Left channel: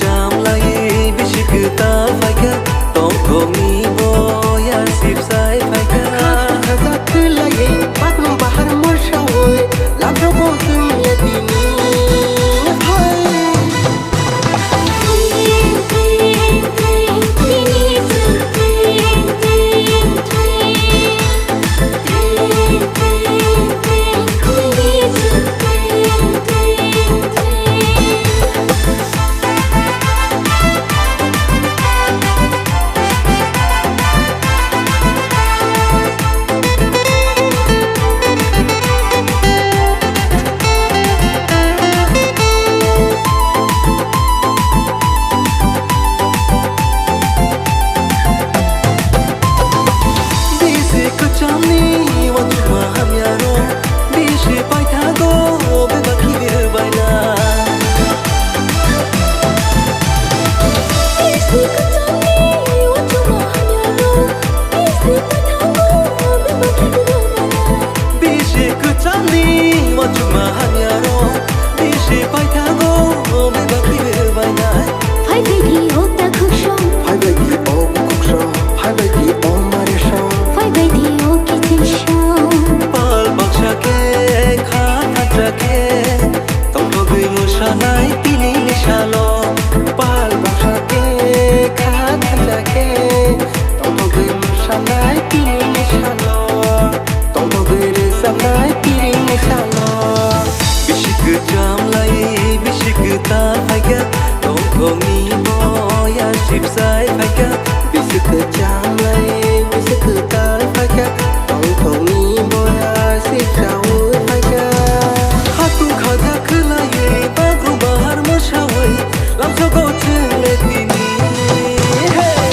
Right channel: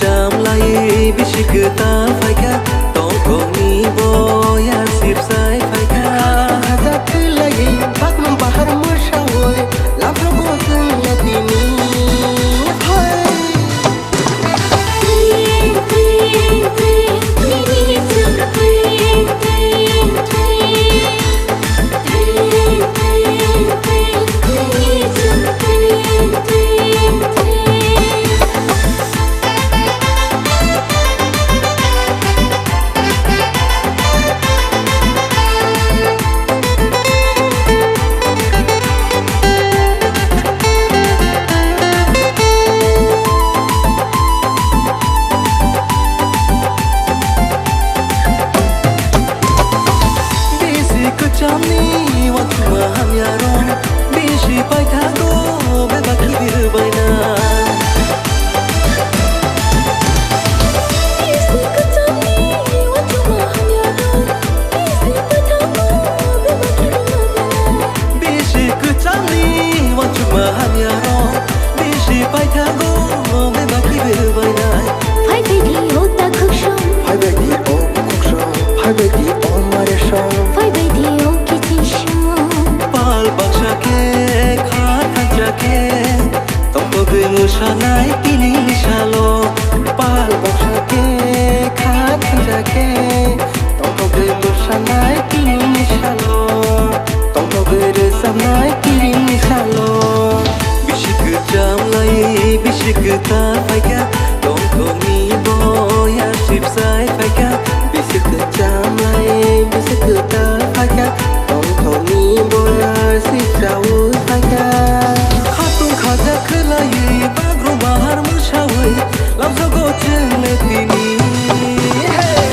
jam lai bishik ta faika tong thong ni boyar sip sai faika khaza khulai baknum bahar murshawoy lamro gosung latini hai Jamni wachuma hamyaro bishi paithago beba kibir baina bishi ko jamni wachuma hamyaro bishi paithago beba kibir baina bishi ko jamni wachuma hamyaro bishi paithago beba kibir baina phai bai thi ota khukshom phai bai thi o khukshom phai bai thi o mare shom phai bai thi o kichishom pal baksha ke kha thancha ke tong to gui musha nai tini nishalo pal baksha ke kha thancha ke tong to gui musha nai tini nishalo tong to gui re sam nai tiri nishalo bishik jam lai bishik ta faika tong thong ni boyar sip sai faika bishik jam lai bishik ta faika tong thong ni boyar sip sai faika khatung khaja khulai bagru bahar mushawai lamso go cheng le tini hey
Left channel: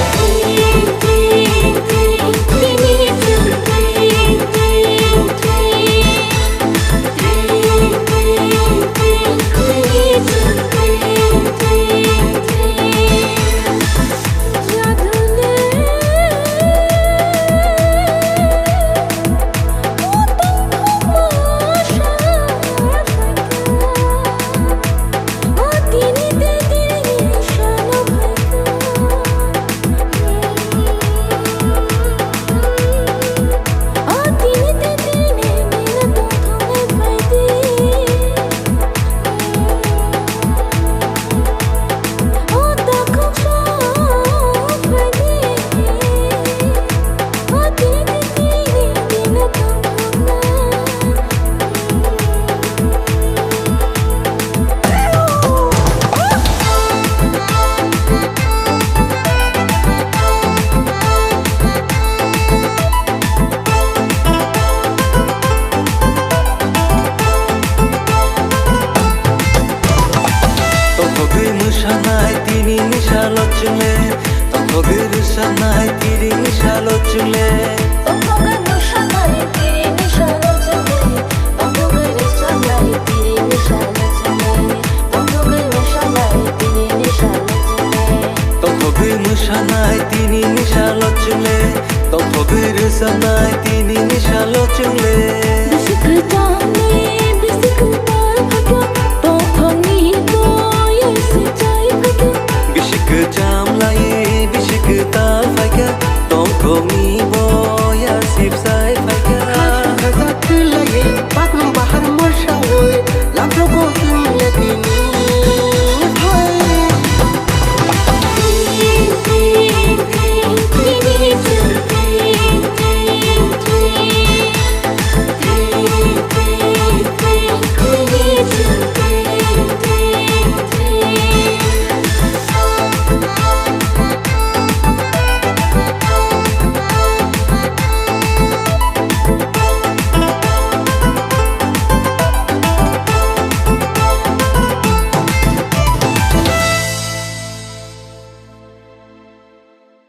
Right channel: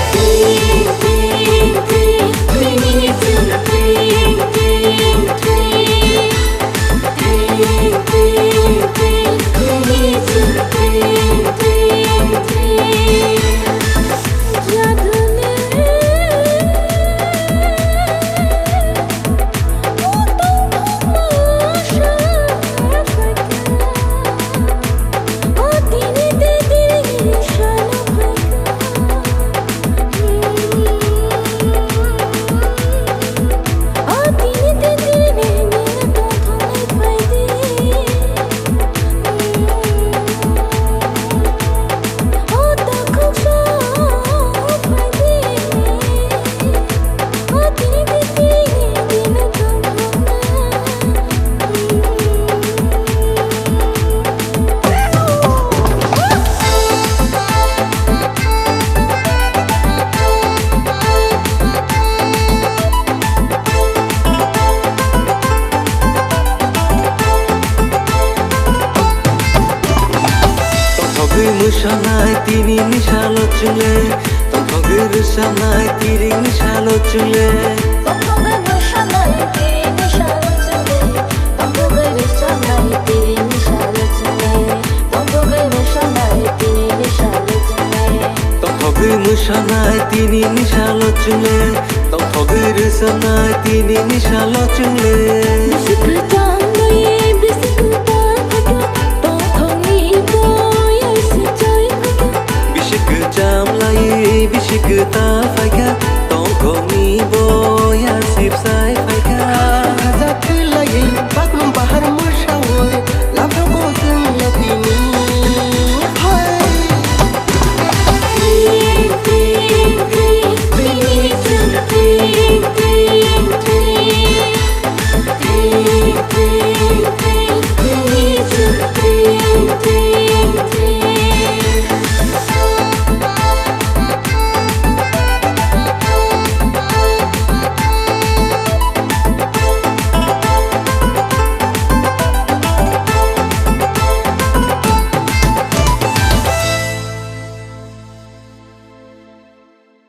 Thogui musha nai tini nishalo chungle tong thogui rusha nai tiri nishalo chungle tong thogui musha nai tiri nishalo chungle tong thogui rusha nai tiri nishalo chungle tong thogui musha nai tiri nishalo chungle tong thogui musha nai tini nishalo chungle tong thogui rusha nai tini nishalo chungle bishik jam lai bishik tar phaka tong thong ni boyar sip sai phaka bishik jam lai bishik ta faika tong thong ni boyar sip sai faika khaza khulai baknum bahar murshawoy lamro gosung latini